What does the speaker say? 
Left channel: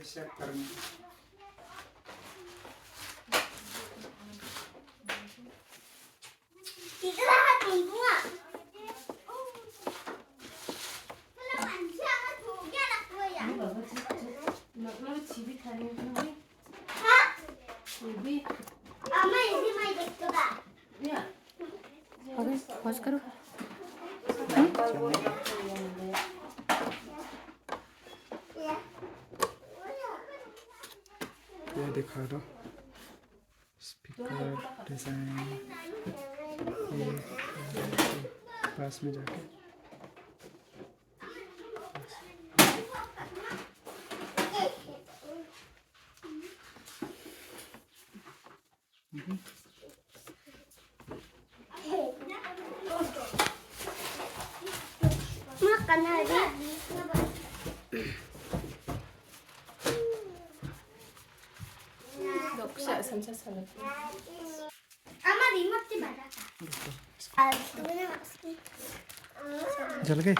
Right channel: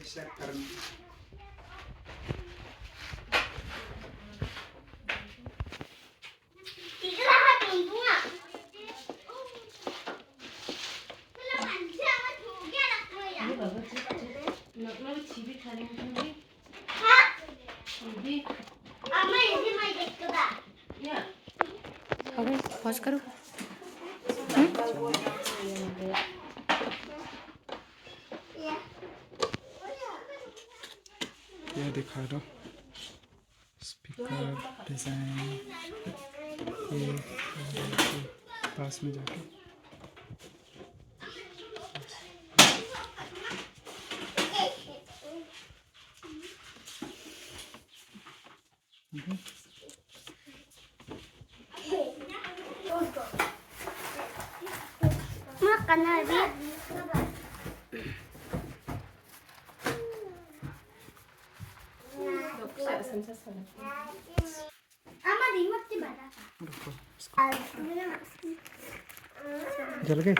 चेक करना अबे पॉज करो। ये दिखा दो स्पीकर डिजाइन ये पास में जाके जल गए।